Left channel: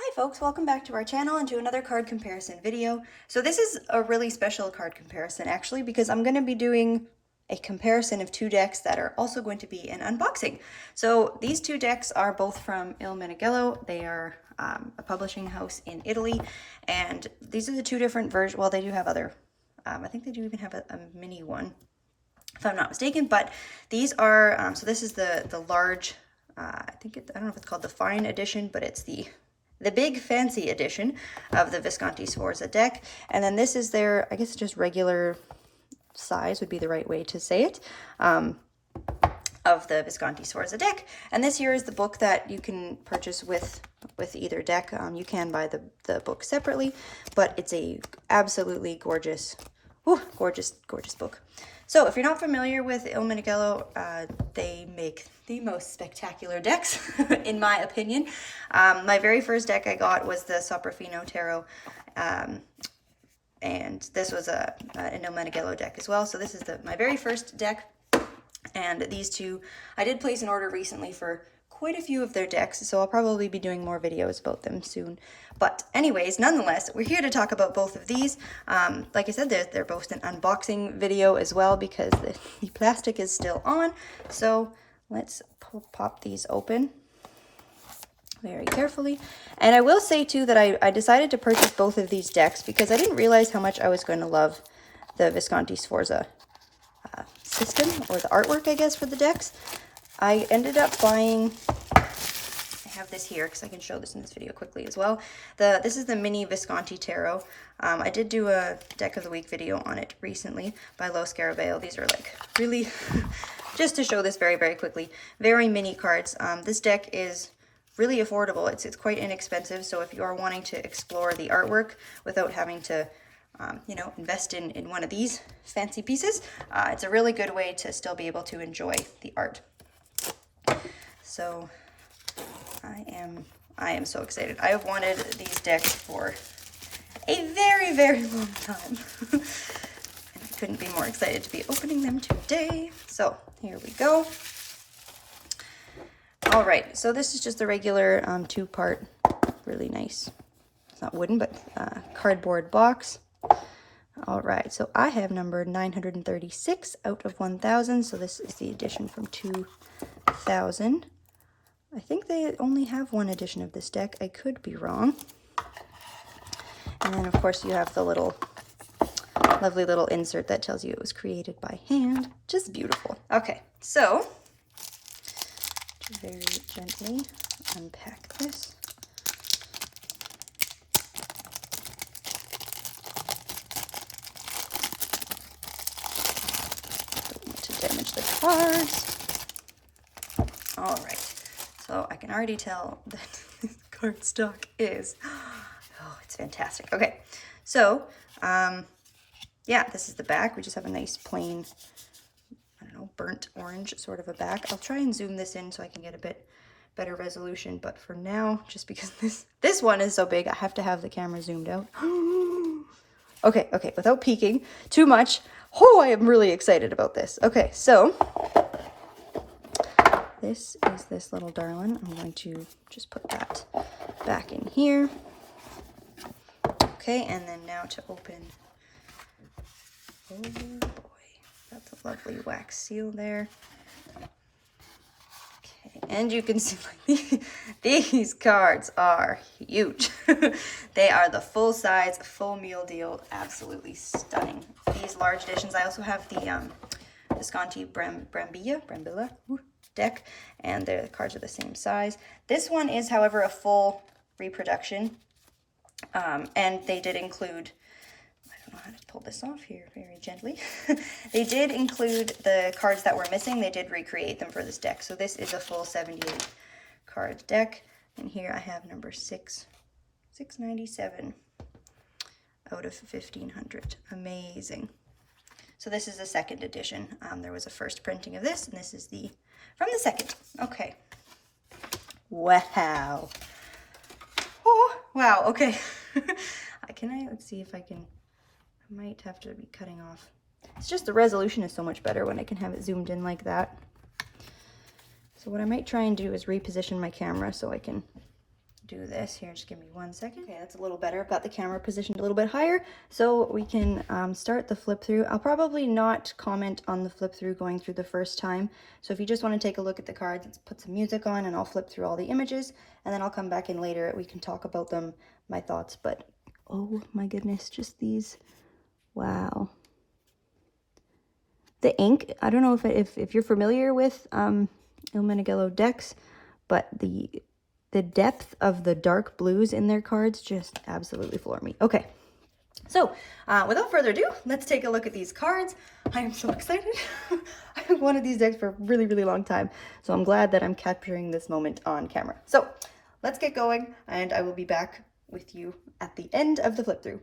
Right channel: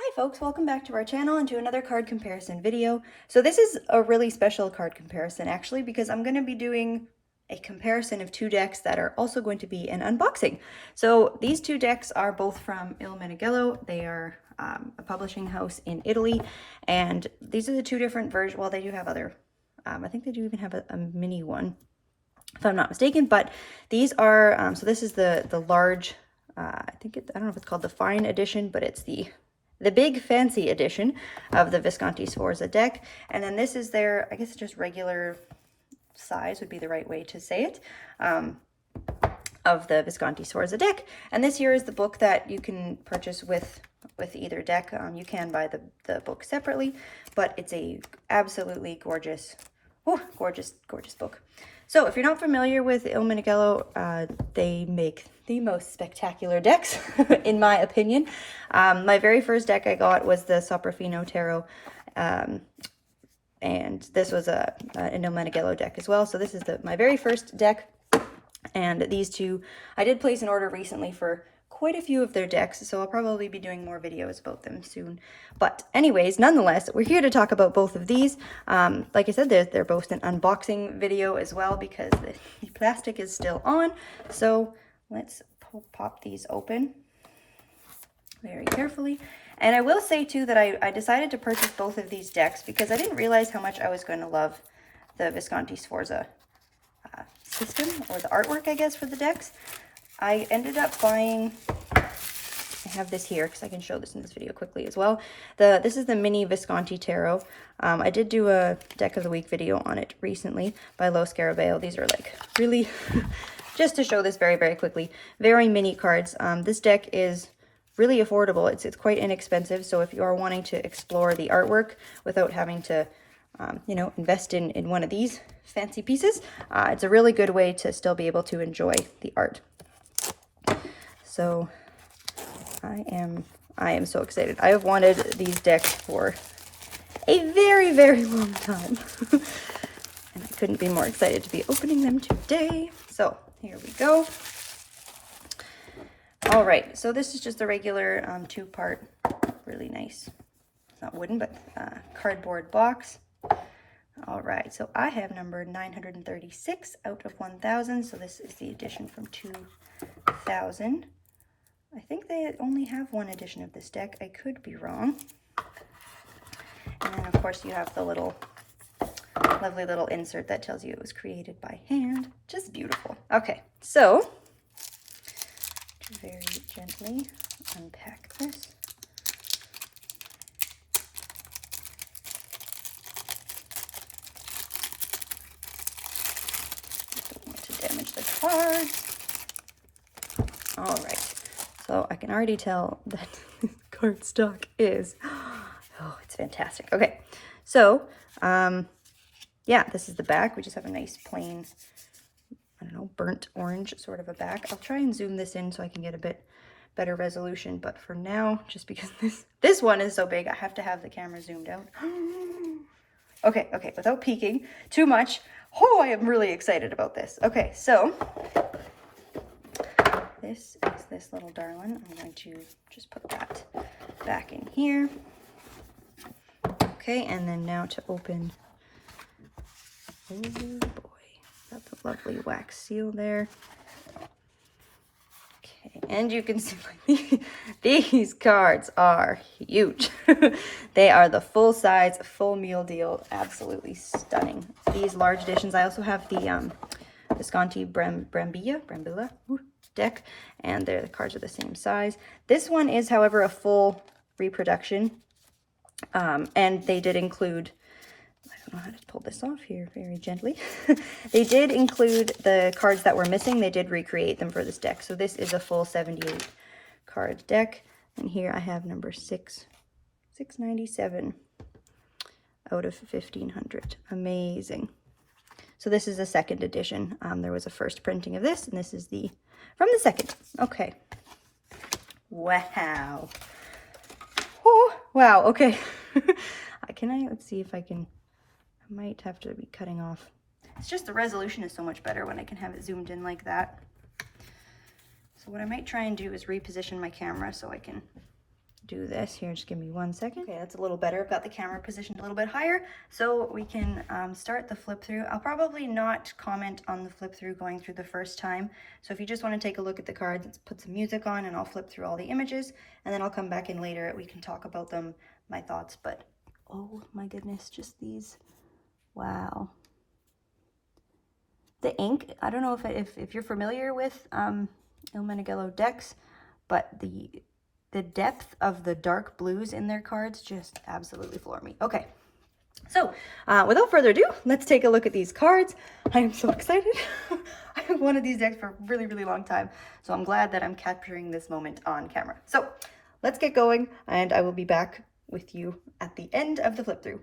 Hi folks, welcome back to our channel and to another card comparison video. So this is a really special card comparison actually because I'm going to be doing a comparison of two decks that are also going to be an unboxing. So these two decks are both from Il Meneghello. They are a publishing house in Italy, and these are the two different versions. Well, they do have other, I think they do even have a mini one if I'm not mistaken, but these are, so this is the large, I don't know if it's called the fine edition, but it's the big fancy edition of the Visconti Sforza deck. And then this is their, I guess just regular size would be the right way to say it, of the Visconti Sforza deck. And this here is the book that you can purchase with either deck. You can buy the book separately, but it's a absolutely gorgeous, gorgeous book. So if you're not familiar with Il Meneghello, they make the most spectacular decks, in my opinion. My very first deck I got was the Soprafino Tarot, and this was an Il Meneghello deck as well. So this is my very first deck, and these two, I did place an order recently for quite a few of their decks, so I'll probably be doing more videos about them soon. But anyways, nonetheless, we're here to talk about both of these. Like I said, they're both an unboxing video as well because the plastic is still on. So let's pop these open very carefully. And I will say too that I decided to purchase both of these decks because I didn't realize how much I was going to love the Visconti Sforza system, or the artwork, I guess, for the decks. I ended up buying, I have this here because I can show this in this video quickly as well. This is the mini Visconti Tarot. I did do a deck of the week video on it recently by Lo Scarabeo. These are like really, just to show this very, very quickly, very mini cards. This deck is really affordable. It's quite inexpensive. So if you are wanting to explore the artwork without having to invest in one of these fancy pieces, it's a really good way to still be able to enjoy the art. So I am so excited. I have wanted these decks for a very, very long time. And I couldn't be more excited to be opening them today. So here we go. All right, so this is just the regular two-part, really nice, it's not wooden, but cardboard box. All right, so I have number 936 out of 1,000. So this is the edition from 2000. I think they only have one edition of this deck. I could be wrong. And then, of course, you have the lovely little insert that tells you it was created by hand. Just beautiful. Okay, so very gently unpack this. Don't want to damage the cards. All right. So I can already tell that cardstock is, oh, it's fantastic. Okay, so, yeah, this is the back. We just have a nice plain, I don't know, burnt orange sort of a back. I'll try and zoom this in so I can get a bit better resolution, but for now, just because this one is so big, I have to have the camera zoomed out. Okay, without peeking too much. Oh, I am really excited about this. Okay, so this is this little darling. I'm going to just put that back in here. Okay, and then now to open. Oh boy, got the lovely wax seal there. Okay, and you can see like these cards are huge. They are the full size, full meal deal, absolutely stunning. These large editions. I also have the Visconti Brambilla deck, and the cards are the same size. This one is, however, a full reproduction, and they did include, I don't know how to pull this off here very gently. They did include the cards that were missing. They did recreate them for this deck. So this is a full 78 card deck, and here I have number 697 out of 1,500. Amazing. So this is the second edition. There was a first printing of this, and this is from the second. Okay. Wow. Oh, wow. Okay. Let's see if I can, I might have to be cutting off. It's just the resolution is so much better when I can have it zoomed in like that. So what I might try and do is reposition my camera so I can do this here. Just give me 1 second. Okay, that's a little better. I've got the camera positioned a little bit higher, so we can start the flip through. I'll probably not comment on the flip through going through the first time. So if you just want to take a look at the cards, let's put some music on and I'll flip through all the images, and then I'll come back in later. We can talk about them, my thoughts, but oh my goodness, just these. Wow. The ink, I don't know if you're familiar with Il Meneghello decks, but the depth of the dark blues in their cards just absolutely floor me. Okay, so without further ado, let's take a look at these cards. I am so excited. I have wanted these decks for a really, really long time, so I'm glad that I'm capturing this moment on camera. So let's get going, and I will be back with you at the end of the flip through.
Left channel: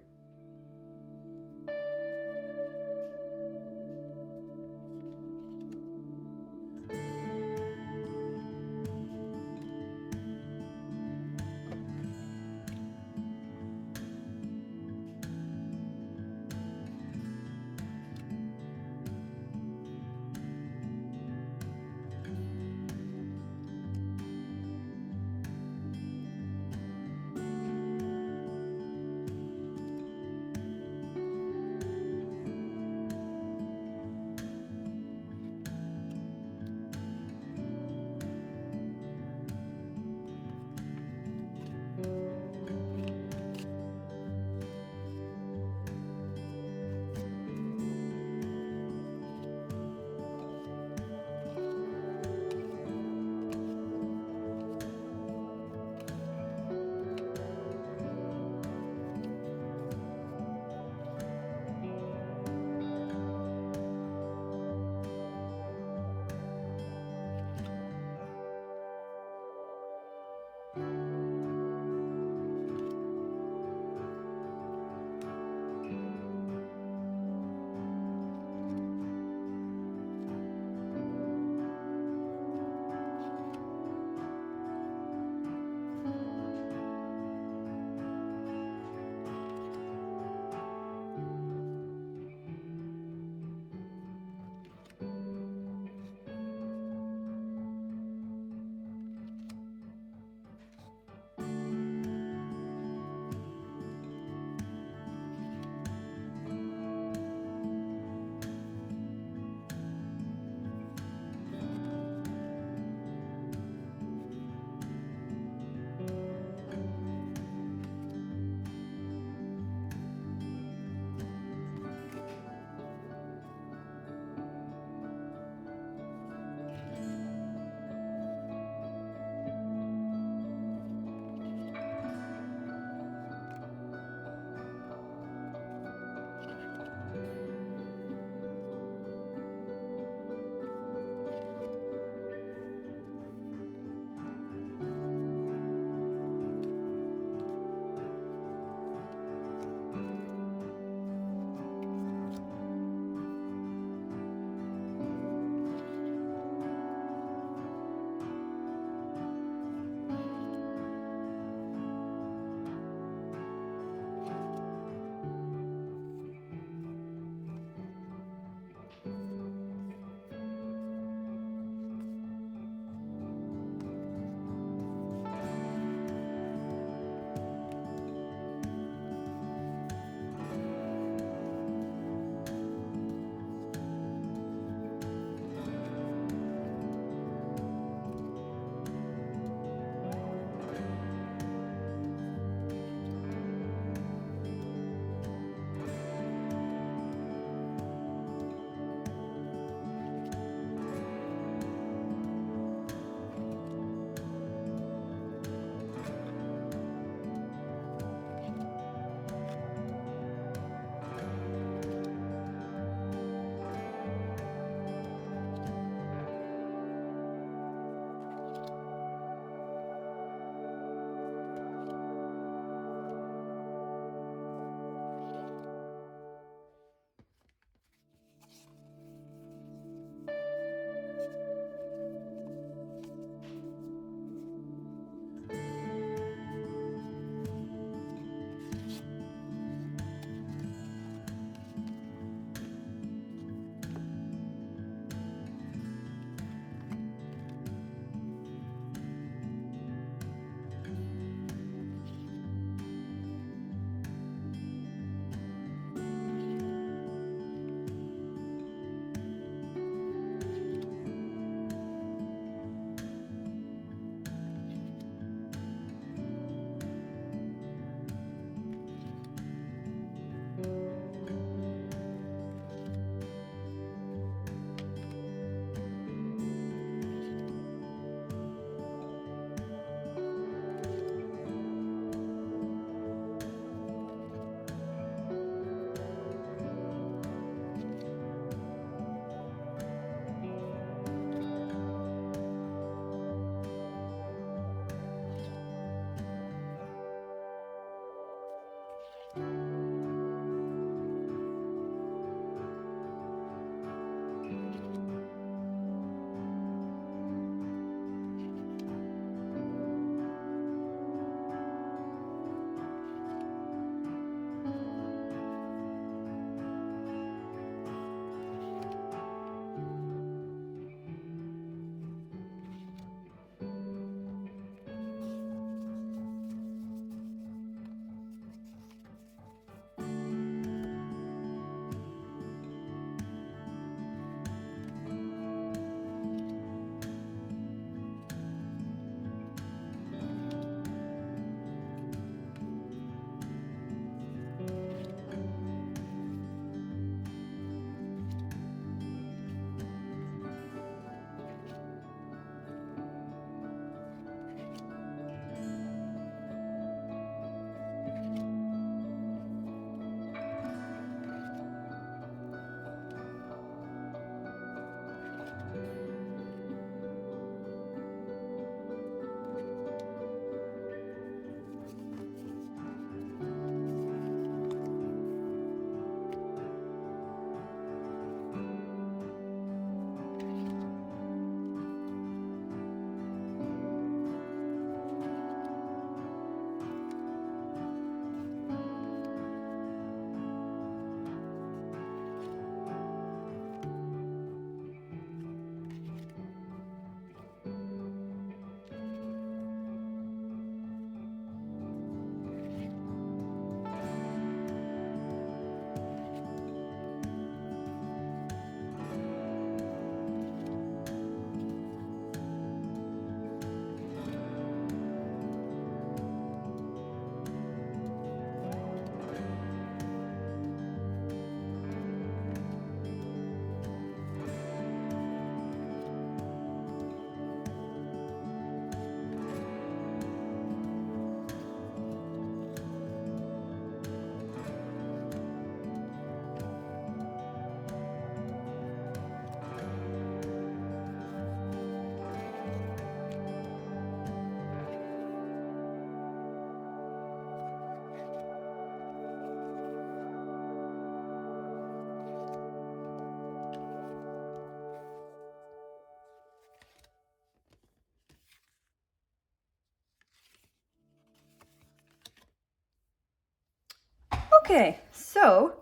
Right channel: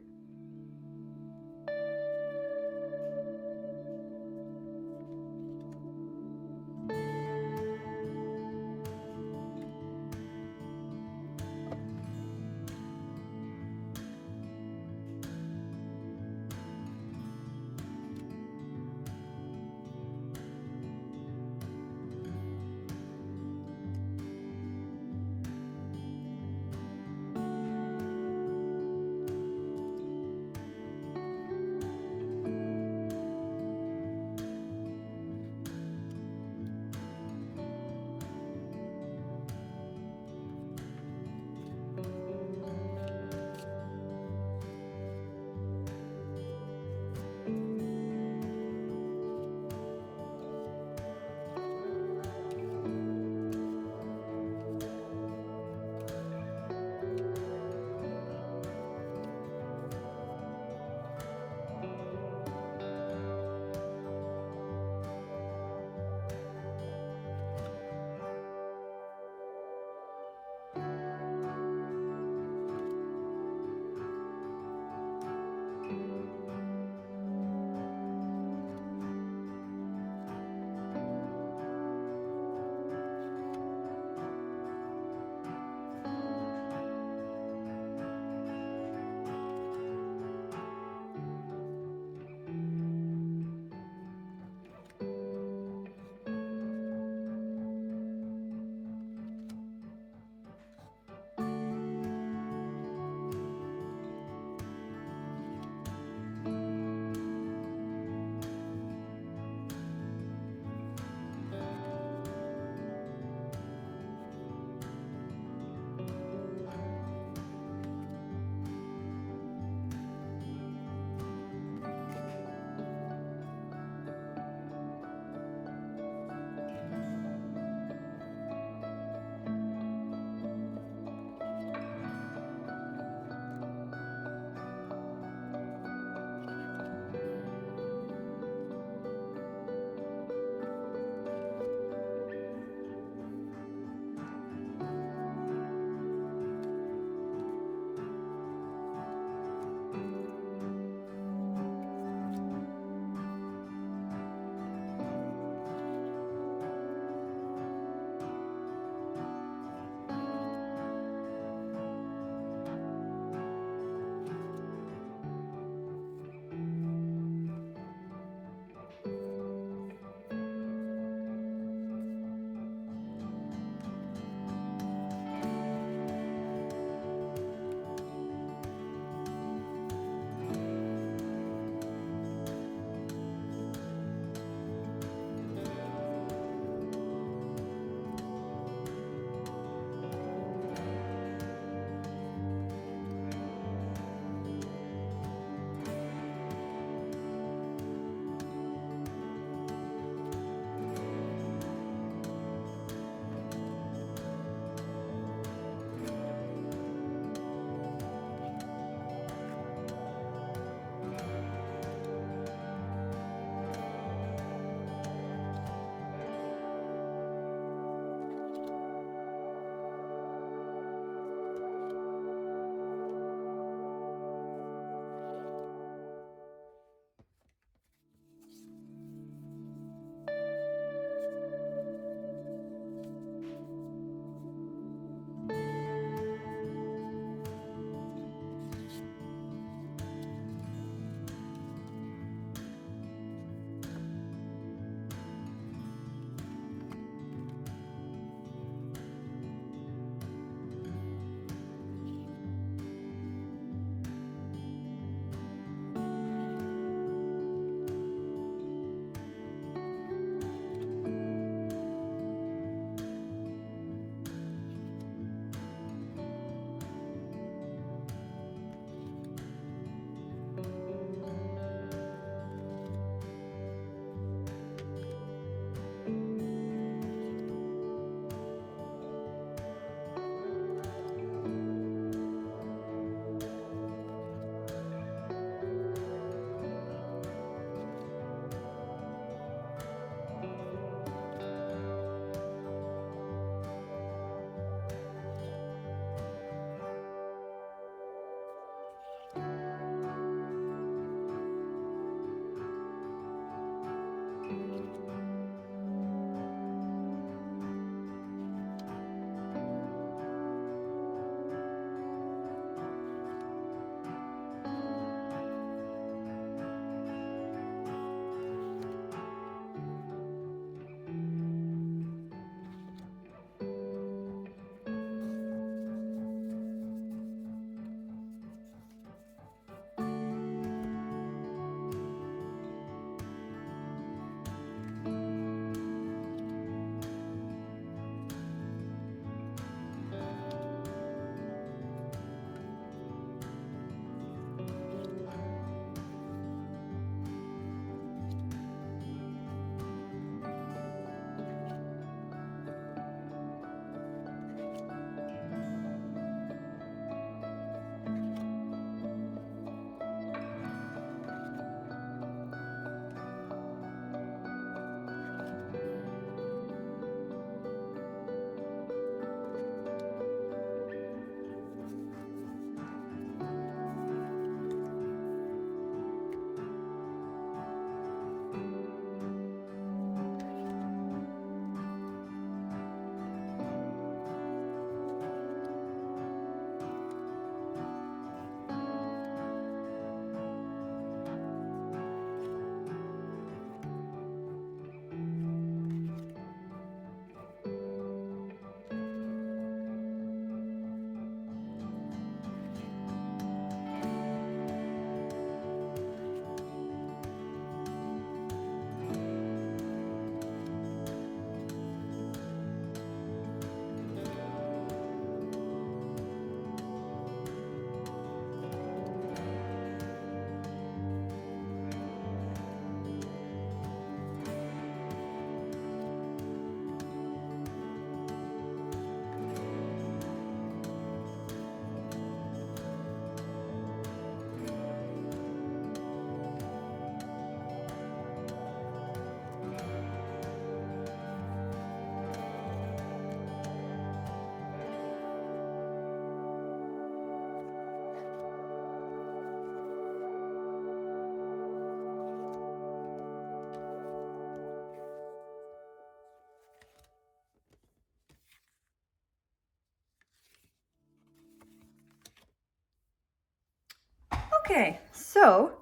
Okay, so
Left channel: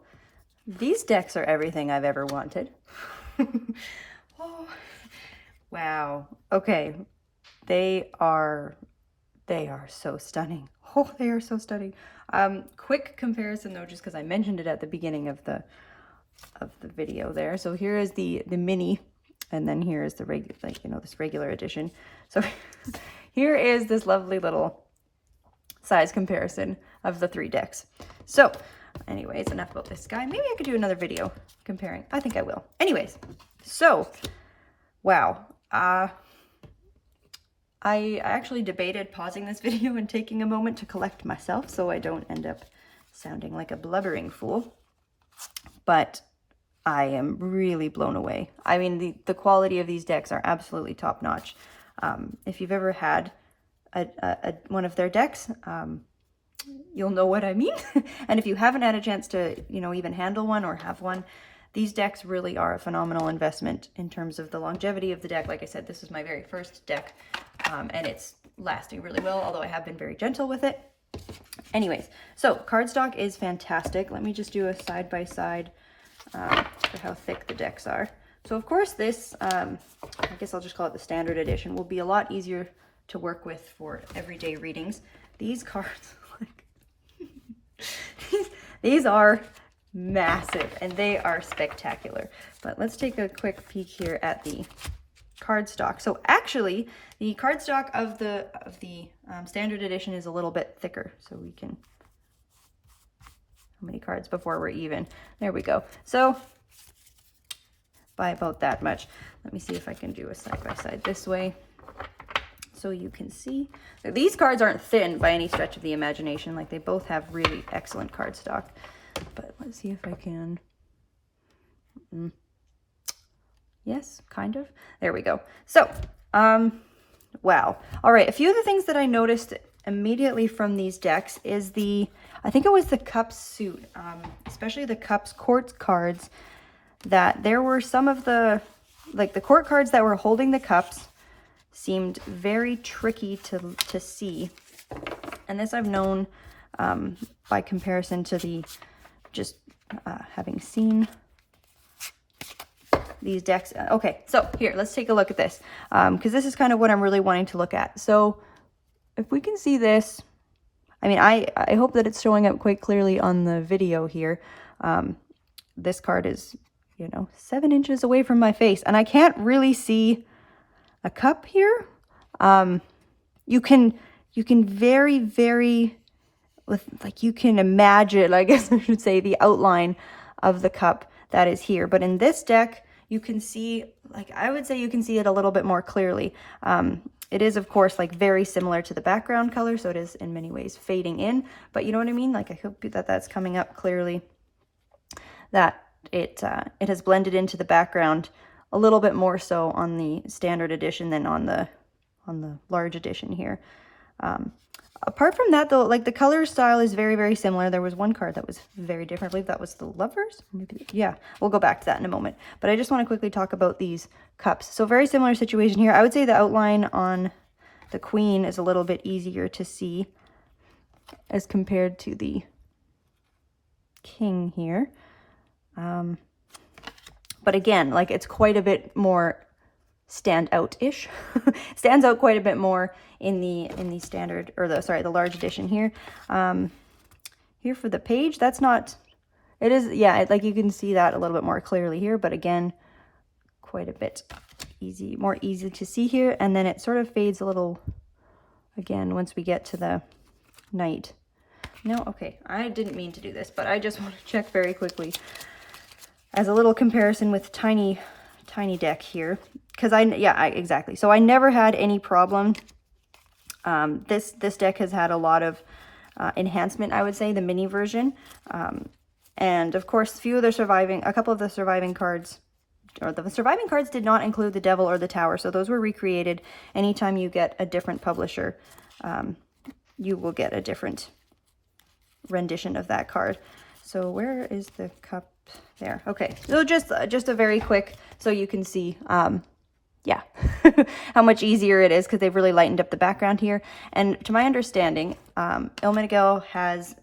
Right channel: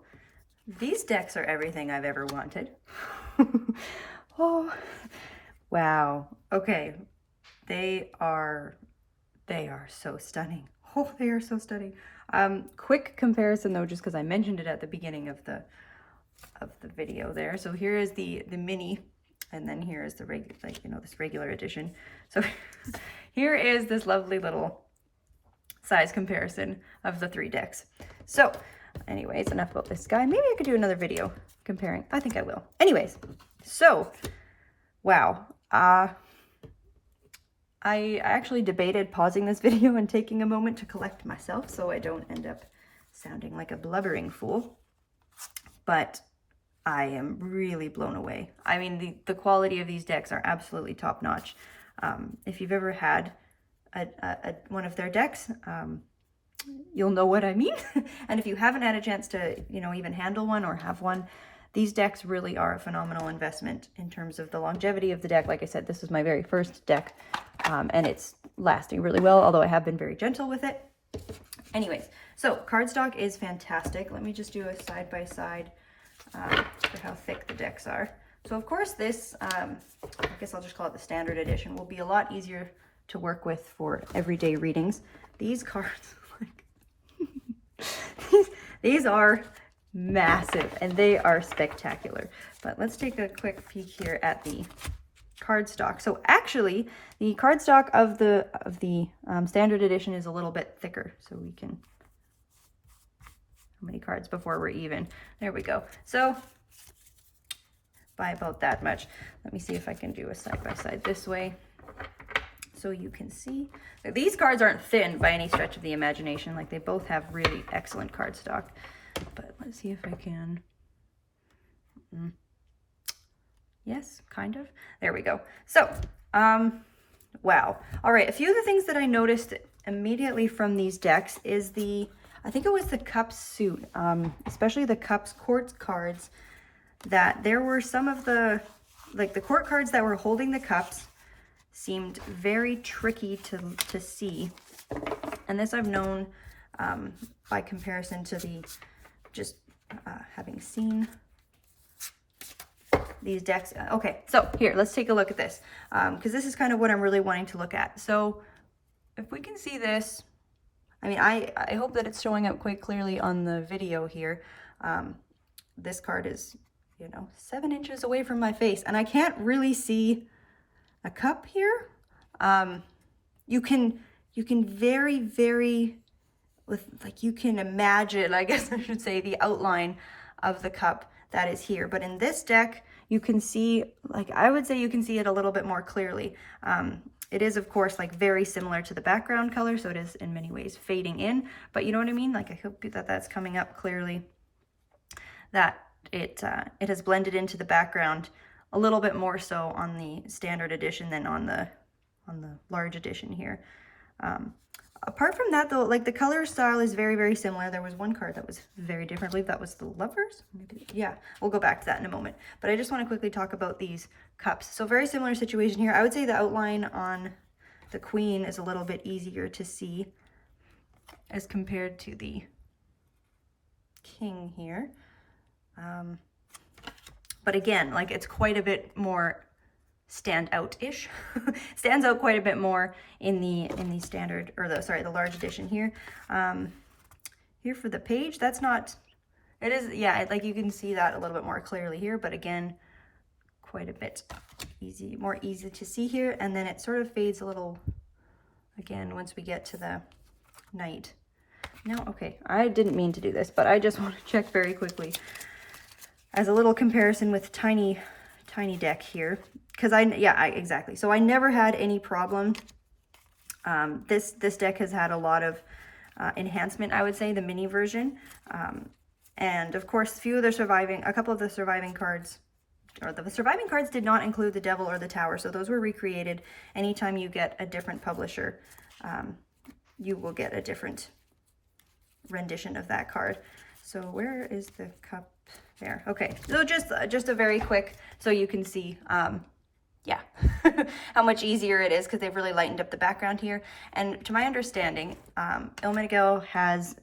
these decks are everything I've ever wanted. Oh, wow. Okay, they are so stunning. Oh, they are so stunning. Quick comparison though, just because I mentioned it at the beginning of the video there. So here is the mini, and then here is the regular, like, you know, this regular edition. So here is this lovely little size comparison of the 3 decks. So anyways, enough about this guy. Maybe I could do another video comparing. I think I will. Anyways, so wow. I actually debated pausing this video and taking a moment to collect myself so I don't end up sounding like a blubbering fool. But I am really blown away. I mean, the quality of these decks are absolutely top notch. If you've ever had one of their decks, you'll know what I mean. And if you haven't had a chance to, you know, even handle one or have one, these decks really are a phenomenal investment in terms of the longevity of the deck. Like I said, this is my very first deck, and it's lasting really well, although I have been very gentle with it. Anyways, so cardstock is fantastic. Let me just do a side-by-side for how thick the decks are. So of course this, I guess I'll just call it the standard edition, will be a lot easier to work with for everyday readings. These cards, like, these are massive and they are spectacular. But let's take a quick peek here at the cardstock. So actually the cardstock of the standard edition is a little bit thicker, so we can, how many cards before we're even? There we go. So by about that much. Let me see if I can do a side-by-side this way so you can see. These cards aren't thin by any stretch of the imagination. Like, they both have really excellent cardstock. But let's see if I can. Yes, kind of. There we go. So, wow. All right, a few of the things that I noticed immediately from these decks is I think it was the Cups suit, especially the Cups court cards, that there were some of the court cards that were holding the cups seemed very tricky to see. And this I've known by comparison to having seen these decks. Okay, so here, let's take a look at this, because this is kind of what I'm really wanting to look at. So if we can see this, I mean, I hope that it's showing up quite clearly on the video here. This card is, you know, 7 inches away from my face, and I can't really see a cup here. You can very, very, you can imagine, I guess I should say, the outline of the cup that is here. But in this deck, you can see, I would say you can see it a little bit more clearly. It is, of course, very similar to the background color, so it is in many ways fading in, but you know what I mean? I hope that that's coming up clearly, that it has blended into the background a little bit more so on the standard edition than on the large edition here. Apart from that, though, the color style is very, very similar. There was one card that was very different. I believe that was the Lovers. Maybe, yeah, we'll go back to that in a moment. But I just want to quickly talk about these cups. So very similar situation here. I would say the outline on the Queen is a little bit easier to see as compared to the King here. But again, it's quite a bit more stands out quite a bit more in the standard, or the large edition here. Here for the page, that's not, it is, yeah, you can see that a little bit more clearly here, but again, quite a bit more easy to see here. And then it sort of fades a little again once we get to the Knight. No, okay, I didn't mean to do this, but I just want to check very quickly as a little comparison with tiny deck here, because exactly. So I never had any problem. This deck has had a lot of enhancement, I would say, the mini version, and of course a couple of the surviving cards, or the surviving cards did not include the Devil or the Tower, so those were recreated. Anytime you get a different publisher, you will get a different rendition of that card. So where is the cup? There. Okay, so just a very quick, so you can see yeah how much easier it is, because they've really lightened up the background here. And to my understanding, Il Meneghello has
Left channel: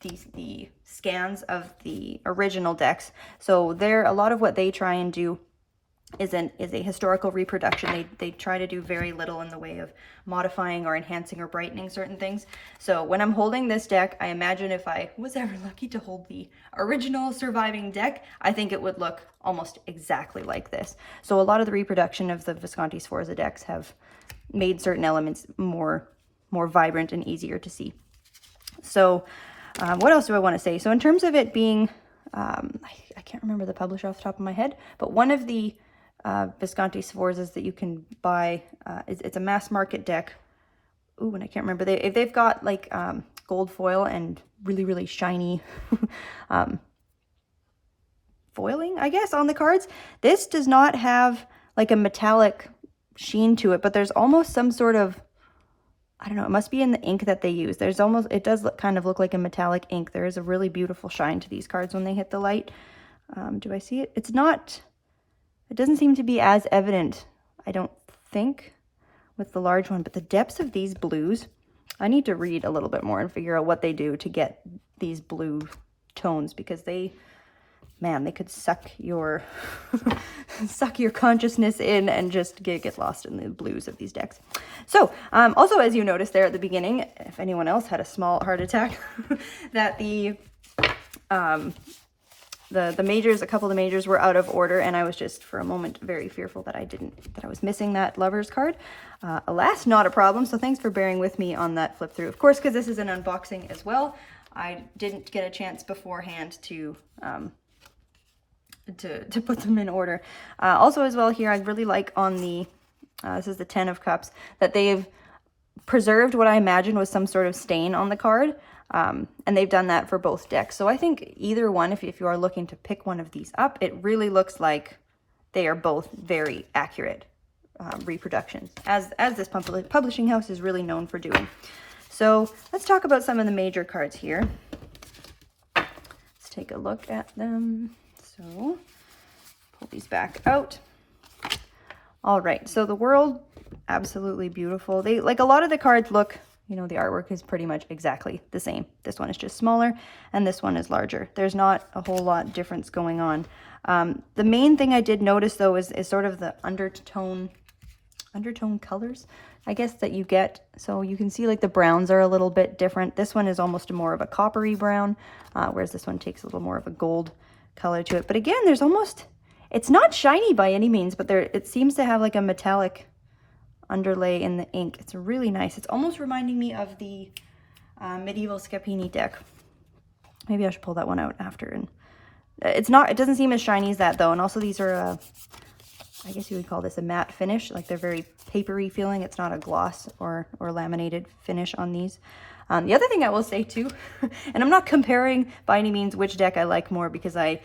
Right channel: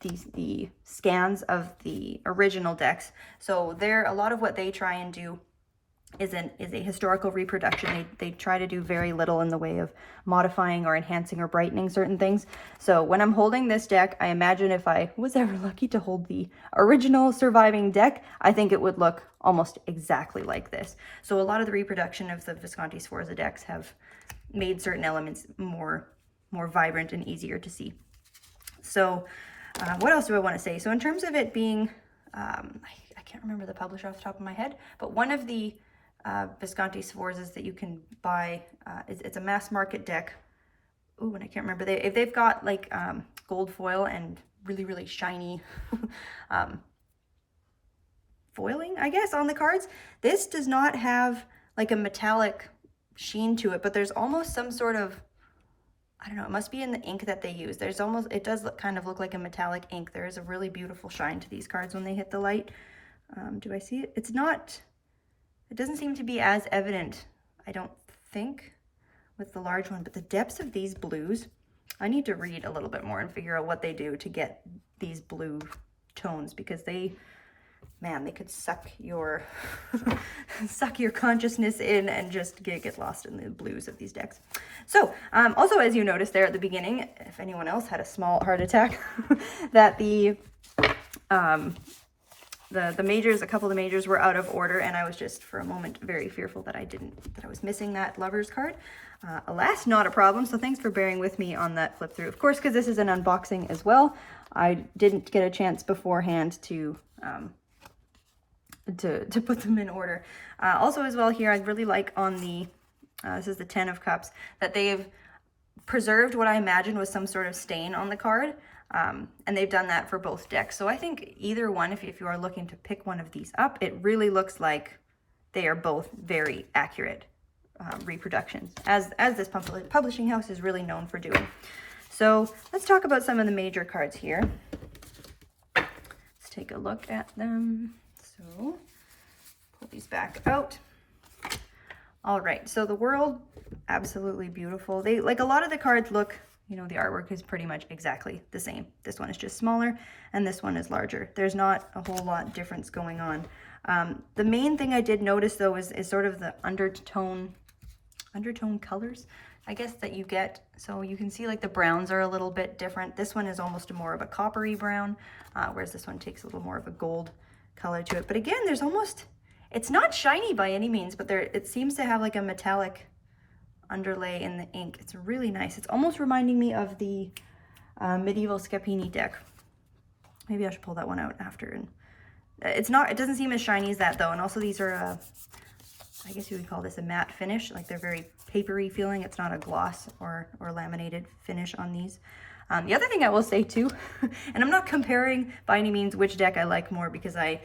the scans of the original decks. So a lot of what they try and do is a historical reproduction. They try to do very little in the way of modifying or enhancing or brightening certain things. So when I'm holding this deck, I imagine if I was ever lucky to hold the original surviving deck, I think it would look almost exactly like this. So a lot of the reproduction of the Visconti Sforza decks have made certain elements more vibrant and easier to see. So what else do I want to say? So in terms of it being, I can't remember the publisher off the top of my head, but one of the Visconti Sforzas that you can buy, it's a mass market deck. Ooh, and I can't remember. They've got like gold foil and really, really shiny foiling, I guess, on the cards. This does not have like a metallic sheen to it, but there's almost some sort of, I don't know, it must be in the ink that they use. It does kind of look like a metallic ink. There is a really beautiful shine to these cards when they hit the light. Do I see it? It doesn't seem to be as evident, I don't think, with the large one, but the depths of these blues, I need to read a little bit more and figure out what they do to get these blue tones, because they could suck your suck your consciousness in and just get lost in the blues of these decks. So also, as you noticed there at the beginning, if anyone else had a small heart attack, that the majors, a couple of the majors were out of order, and I was just for a moment very fearful that I was missing that Lovers card. Alas, not a problem. So thanks for bearing with me on that flip through. Of course, because this is an unboxing as well, I didn't get a chance beforehand to put them in order. Also as well here, I really like on the, this is the 10 of Cups, that they've preserved what I imagine was some sort of stain on the card. And they've done that for both decks. So I think either one, if you are looking to pick one of these up, it really looks like they are both very accurate reproductions, as this publishing house is really known for doing. So let's talk about some of the major cards here. Let's take a look at them. So pull these back out. All right, so the World, absolutely beautiful. They, like, a lot of the cards look, you know, the artwork is pretty much exactly the same. This one is just smaller and this one is larger. There's not a whole lot difference going on. The main thing I did notice though is sort of the undertone colors, I guess, that you get. So you can see like the browns are a little bit different. This one is almost more of a coppery brown, whereas this one takes a little more of a gold color to it. But again, there's almost, it's not shiny by any means, but it seems to have like a metallic underlay in the ink. It's really nice. It's almost reminding me of the medieval Scapini deck. Maybe I should pull that one out after. And it doesn't seem as shiny as that though. And also these are I guess you would call this a matte finish. Like, they're very papery feeling. It's not a gloss or laminated finish on these. The other thing I will say too, and I'm not comparing by any means which deck I like more, because I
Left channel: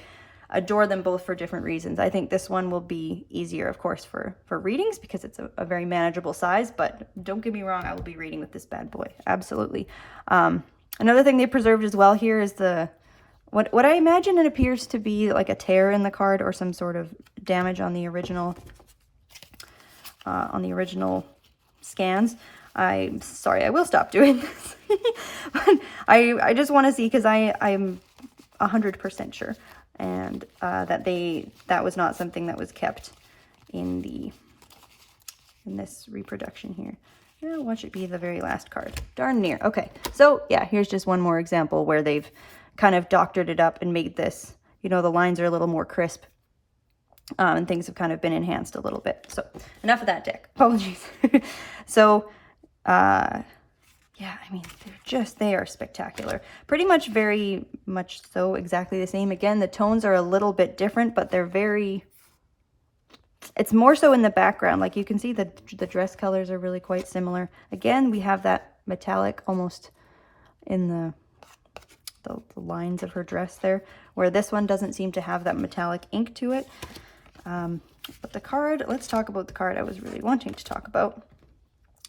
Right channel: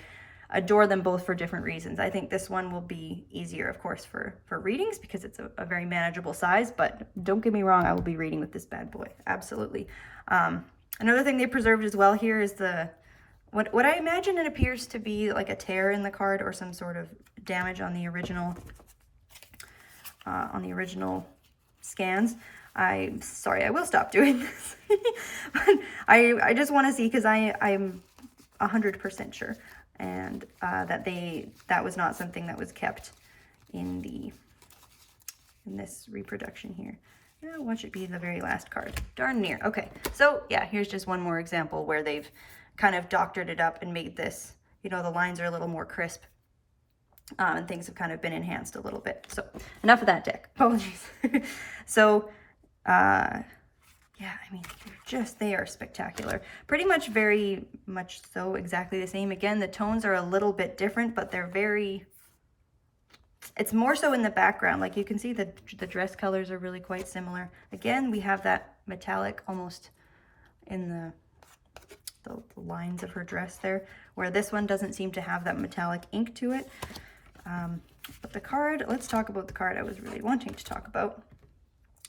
adore them both for different reasons. I think this one will be easier, of course, for readings, because it's a very manageable size, but don't get me wrong, I will be reading with this bad boy, absolutely. Another thing they preserved as well here is what I imagine it appears to be like a tear in the card, or some sort of damage on the original scans. I'm sorry, I will stop doing this. But I just want to see, because I'm 100% sure, and that was not something that was kept in this reproduction here. Now, watch it be the very last card. Darn near. Okay, so yeah, here's just one more example where they've kind of doctored it up and made this, you know, the lines are a little more crisp, and things have kind of been enhanced a little bit. So enough of that deck. Apologies. So yeah, I mean, they are spectacular. Pretty much, very much so exactly the same. Again, the tones are a little bit different, but they're it's more so in the background. Like, you can see the dress colors are really quite similar. Again, we have that metallic almost in the lines of her dress there, where this one doesn't seem to have that metallic ink to it. But the card, let's talk about the card I was really wanting to talk about.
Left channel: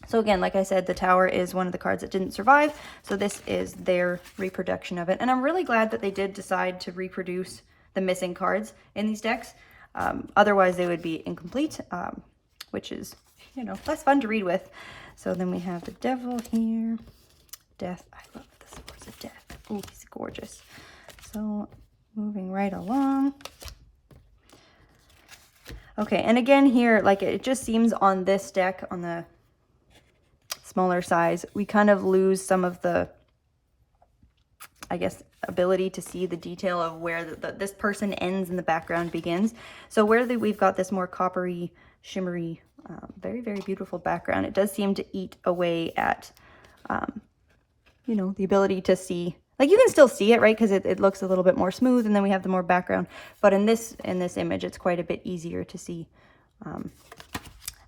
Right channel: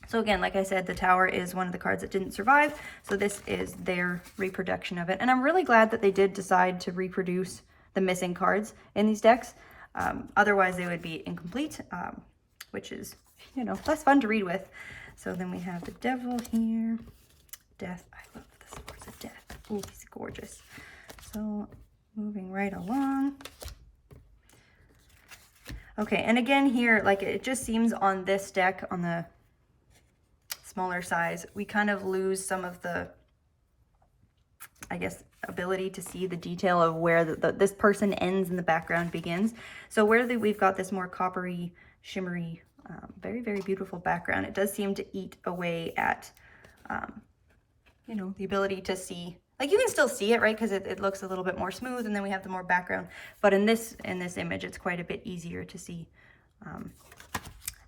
So again, like I said, the Tower is one of the cards that didn't survive. So this is their reproduction of it. And I'm really glad that they did decide to reproduce the missing cards in these decks. Otherwise, they would be incomplete, which is, you know, less fun to read with. So then we have the Devil here. Death. I love the Swords of Death. Oh, he's gorgeous. So moving right along. Okay, and again here, like it just seems on this deck, on the smaller size, we kind of lose some of the, I guess, ability to see the detail of where this person ends and the background begins. So where we've got this more coppery, shimmery, very, very beautiful background, it does seem to eat away at, you know, the ability to see. Like you can still see it, right? Because it looks a little bit more smooth, and then we have the more background. But in this image, it's quite a bit easier to see.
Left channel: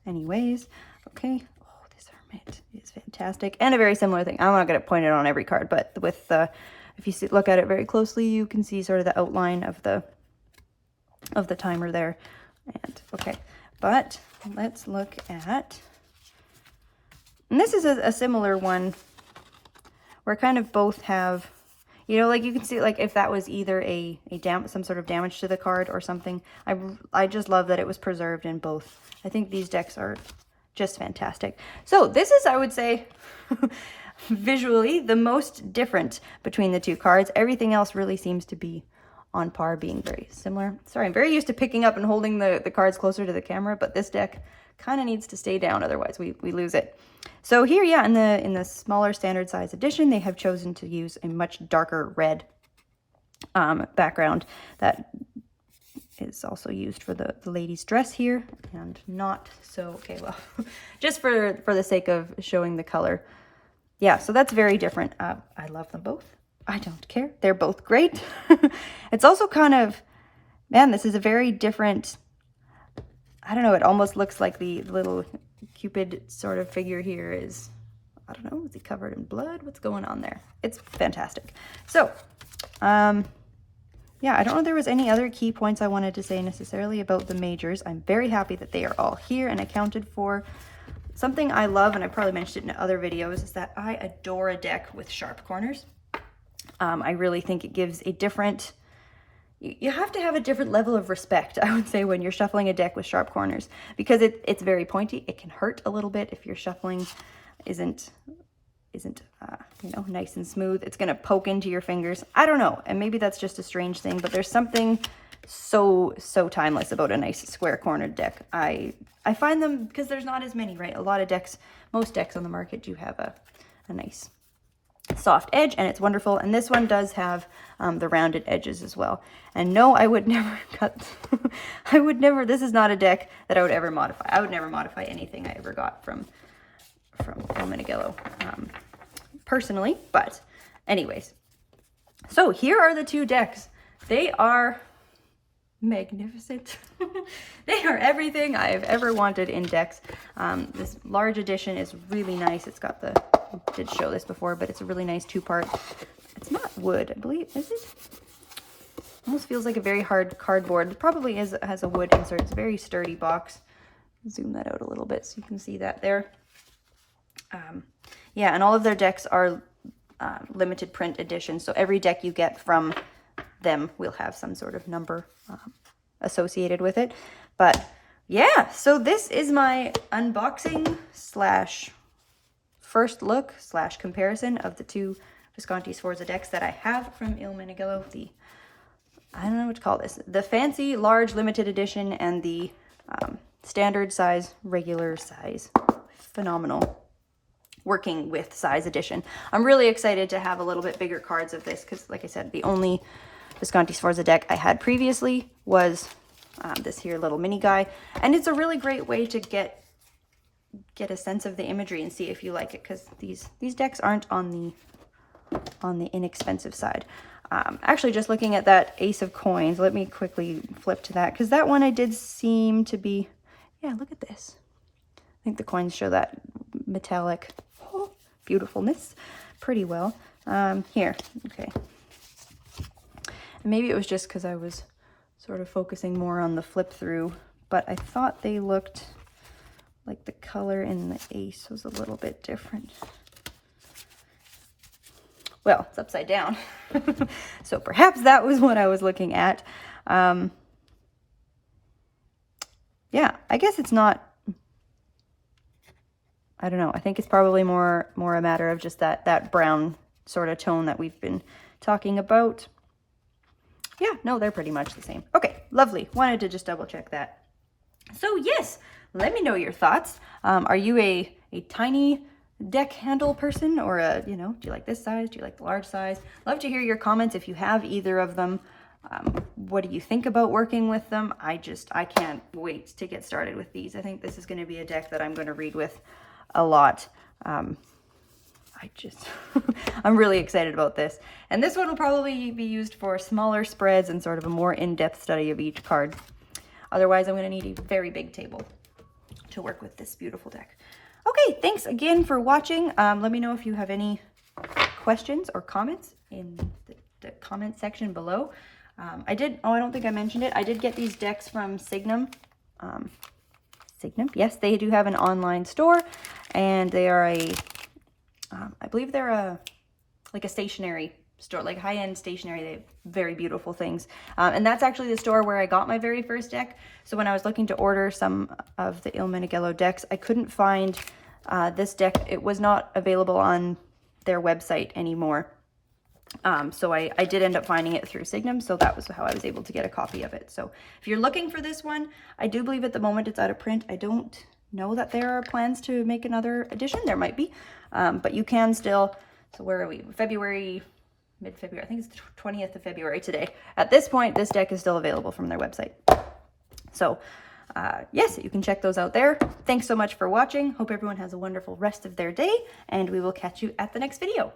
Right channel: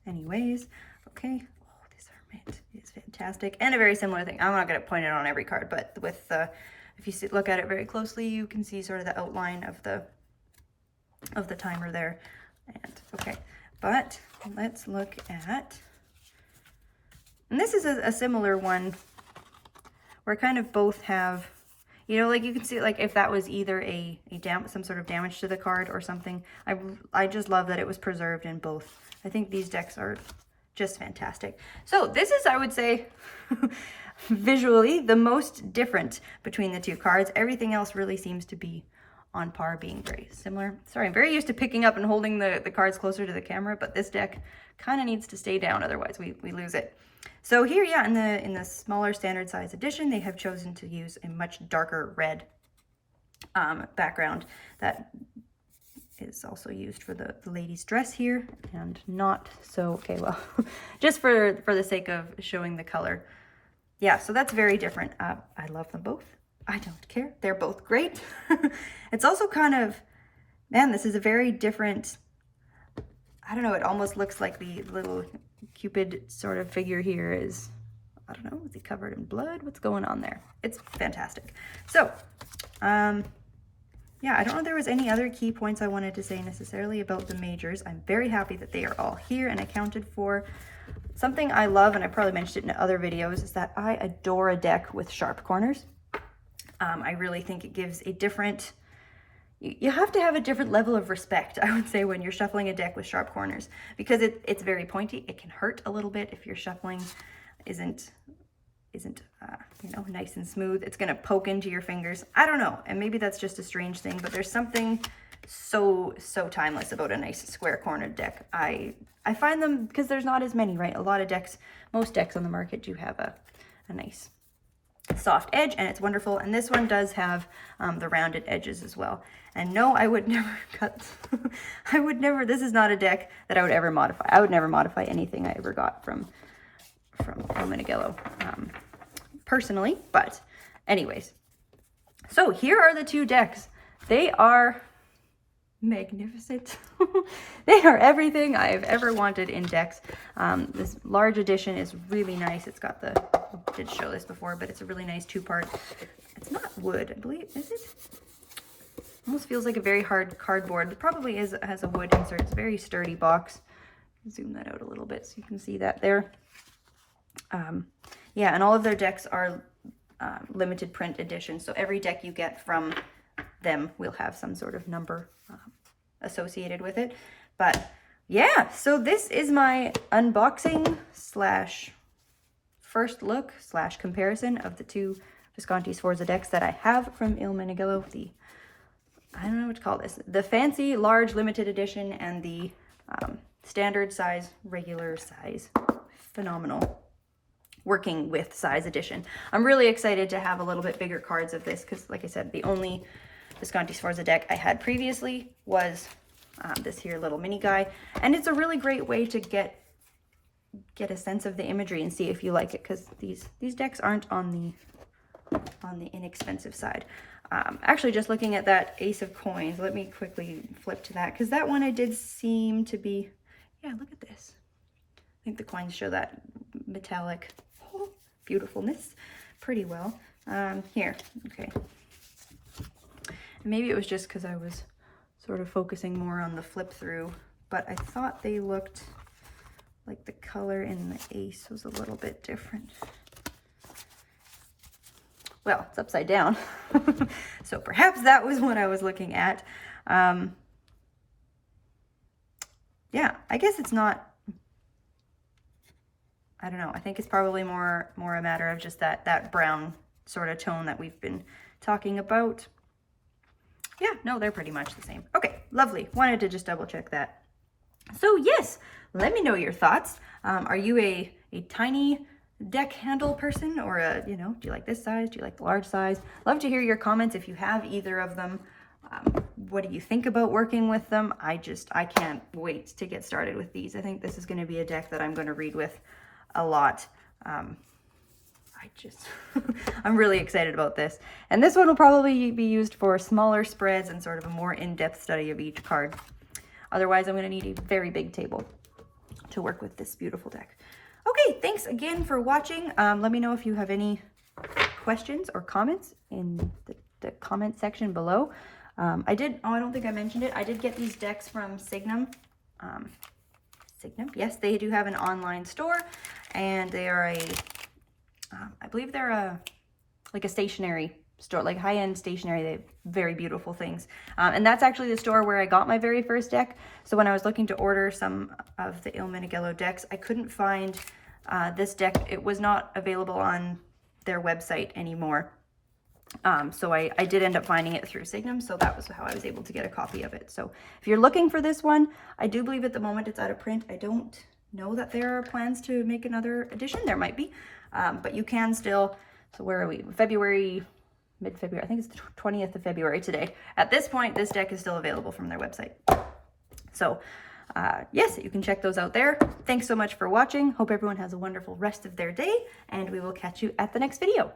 Anyways, okay. Oh, this hermit is fantastic, and a very similar thing. I'm not going to point it on every card, but with the, if you look at it very closely, you can see sort of the outline of the timer there. And okay, but let's look at, and this is a similar one where kind of both have, you know, like you can see, like if that was either some sort of damage to the card or something. I just love that it was preserved in both. I think these decks are just fantastic. So this is, I would say, visually the most different between the two cards. Everything else really seems to be on par, being very similar. Sorry, I'm very used to picking up and holding the cards closer to the camera, but this deck kind of needs to stay down, otherwise we lose it. So here, yeah, in the smaller standard size edition, they have chosen to use a much darker red background that is also used for the lady's dress here, and not so, okay, well, just for the sake of showing the color. Yeah, so that's very different. I love them both. I don't care. They're both great. It's also kind of, man, this is a very different, I don't know, it almost looks like the little Cupid sort of figure here is, I don't know, is he covered in blood? What's going on there? It's fantastic. So, yeah, I don't know if there was any other key points I wanted to say necessarily about the majors. I'm very happy that they are all here and accounted for. Something I love, and I probably mentioned it in other videos, is that I adore a deck with sharp corners. I really think it gives a different, you have to have a different level of respect, I would say, when you're shuffling a deck with sharp corners, because it's very pointy. It can hurt a little bit if your shuffling isn't you know, nice and smooth. It's going to poke into your fingers. I don't know, and maybe that's just a strange thing, but there's something so timeless about a nice square cornered deck. I find them, because there's not as many, right? A lot of decks, most decks on the market do have a nice soft edge, and it's wonderful. And this one does have the rounded edges as well. And no, I would never cut, I would never, this is not a deck that I would ever modify. I would never modify anything I ever got from Il Meneghello, personally. But anyways, so here are the two decks. They are magnificent. They are everything I have ever wanted in decks. This large edition is really nice. It's got the, I did show this before, but it's a really nice two-part. It's not wood, I believe. Is it? Almost feels like a very hard cardboard. It probably has a wood insert. It's a very sturdy box. Zoom that out a little bit so you can see that there. Yeah, and all of their decks are limited print edition, so every deck you get from them will have some sort of number associated with it. But yeah, so this is my unboxing slash first look slash comparison of the two Visconti Sforza decks that I have from Il Meneghello. The, I don't know what to call this, the fancy large limited edition and the standard size, regular size, phenomenal working with size edition. I'm really excited to have a little bit bigger cards of this, because like I said, the only Visconti Sforza deck I had previously was this here little mini guy, and it's a really great way to get a sense of the imagery and see if you like it, because these decks aren't on the inexpensive side. Actually, just looking at that Ace of Coins, let me quickly flip to that, because that one I did seem to be, yeah, look at this. I think the coins show that metallic beautifulness pretty well. Here, okay. And maybe it was just because I was sort of focusing more on the flip through, but I thought they looked like the color in the ace was a little bit different. Well, it's upside down. So perhaps that was what I was looking at. Yeah, I guess it's not, I don't know. I think it's probably more a matter of just that brown sort of tone that we've been talking about. Yeah, no, they're pretty much the same. Okay, lovely. Wanted to just double check that. So yes, let me know your thoughts. Are you a tiny deck handle person, or a, you know, do you like this size? Do you like the large size? Love to hear your comments if you have either of them. What do you think about working with them? I can't wait to get started with these. I think this is going to be a deck that I'm going to read with a lot. I'm really excited about this. And this one will probably be used for smaller spreads and sort of a more in-depth study of each card. Otherwise, I'm going to need a very big table to work with this beautiful deck. Okay, thanks again for watching. Let me know if you have any questions or comments in the comment section below. I don't think I mentioned it. I did get these decks from Signum. Signum, yes, they do have an online store, and they are I believe they're like a stationery store, like high-end stationery. They have very beautiful things. And that's actually the store where I got my very first deck. So when I was looking to order some of the Il Meneghello decks, I couldn't find this deck. It was not available on their website anymore. So I did end up finding it through Signum, so that was how I was able to get a copy of it. So if you're looking for this one, I do believe at the moment it's out of print. I don't know that there are plans to make another edition. There might be, but you can still. So where are we? February, mid-February. I think it's the 20th of February today. At this point, this deck is still available from their website. So yes, you can check those out there. Thanks so much for watching. Hope everyone has a wonderful rest of their day, and we will catch you at the next video.